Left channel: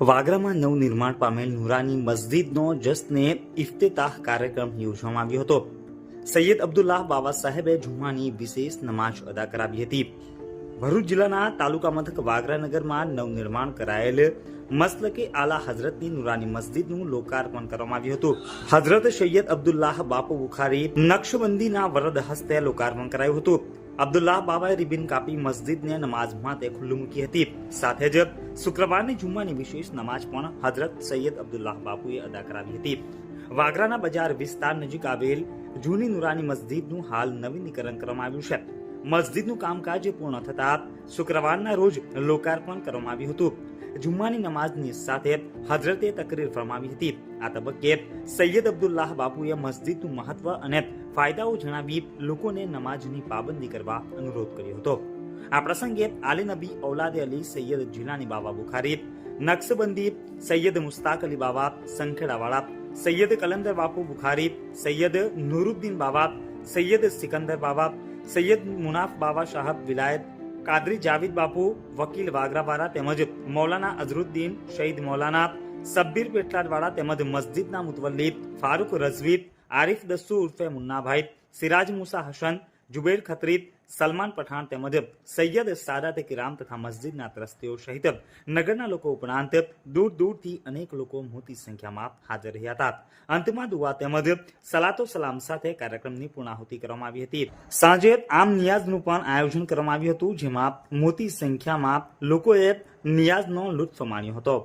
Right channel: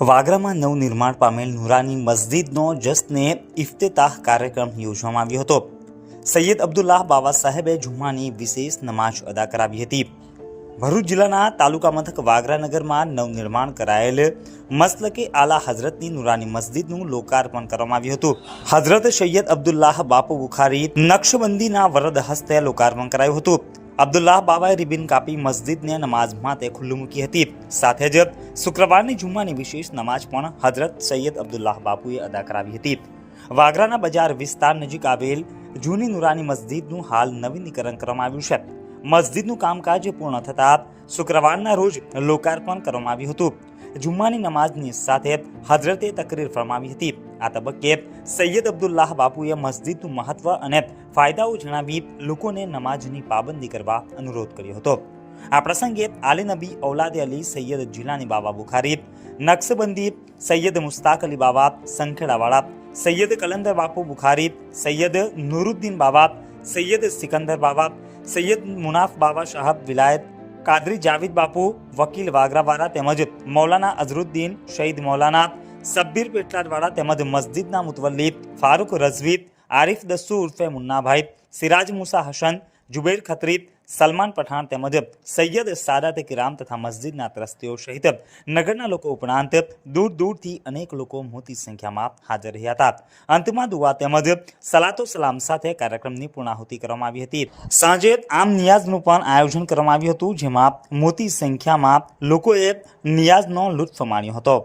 વાગરામાં નવનિર્માણ પામેલ નુરાની મસ્જિદનો જશ્ને ઇફ્તિતાહ કાર્યક્રમ યોજવામાં આવ્યો હતો. સૈયદ અબ્દુલ્લાહ બાવા સાહેબે જુમ્માની વિશેષ નમાઝ અદા કરાવી હતી. ભરૂચ જિલ્લાના તાલુકા મથક વાગરાનગરમાં નવનિર્માણ કરાયેલ મસલકે આલા હઝરતની નુરાની મસ્જિદનું લોકાર્પણ કરવામાં આવ્યું હતું. હઝરત સૈયદ અબ્દુલ્લાહ બાપુ બુખારી નક્શબંદીના વરદ હસ્તે લોકાર્પણ કરાયું હતું. અબ્દુલ્લાહ બાવાએ રિબિન કાપી મસ્જિદને નમાઝ માટે ખુલ્લું મૂકી હતી. સાથે જ શુક્રવારની જુમ્માની વિશેષ નમાઝ પણ હઝરત સૈયદ અબ્દુલ્લાહ બાપુએ અદા કરાવી હતી. વાગરાના બજાર વિસ્તાર નજીક આવેલ જૂની નુરાની મસ્જિદનું હાલ નવીનીકરણ કરવામાં આવ્યું છે. મસ્જિદનું કામકાજ પૂર્ણ થતાં શુક્રવારના રોજ લોકાર્પણ કરવામાં આવ્યું હતું. જુમ્માની નમાઝની સાથે હઝરતે તકરીર ફરમાવી હતી. આ તબક્કે સૈયદ અબ્દુલ્લાહ બાપુએ મસ્જિદનું મહત્વ અને ફાયદાઓ જણાવી લોકોને નમાઝની પાબંદી કરવા અનુરોધ કર્યો હતો. આ પ્રસંગે આલી નબી ઔલાદે અલી સૈયદ જીલાની બાવા બુખારી નક્શબંદી, સૈયદ મુસ્તાક અલી બાવા સંખેડાવાળા, સૈયદ કલંદર બાપુ બુખારી, સૈયદ નૂરુદ્દીન બાવા, સૈયદ સિકંદર બાવા, સૈયદ મુનાફ બાવા સાહબ વિલાયત, કાદરી જાવિદ બાપુ વકીલ વાગરાવાળા તેમજ મૌલાના અઝરુદ્દીન શહીદ મૌલાના સબ્બીર પેટલાદવાળા તેમજ મસ્જિદના મુતવલ્લી ફારૂક રઝવી, આરિફ દસ્સુ ઉર્ફે મુન્નાભાઈ, સિરાજ મુસા હસન, જુબૈર ખત્રી, સલમાન પઠાણ તેમજ સૈયદ સાદાત કિરામ તથા મસ્જિદના ત્રસ્તીઓ સહિત નગરના લોકો ઉપરાંત દૂર દૂરથી અનેક લોકો મોટી સંખ્યામાં હાજર રહ્યા હતા. અંતમાં દુઆ તેમજ સલાતો સલામ સાથે કાર્યક્રમની પૂર્ણાહુતિ કરવામાં આવી હતી. સાંજે આમ નિયાઝનું પણ આયોજન કરવામાં આવ્યું હતું, જેમાં મોટી સંખ્યામાં લોકોએ નિયાઝનો લુત્ફ માણ્યો હતો.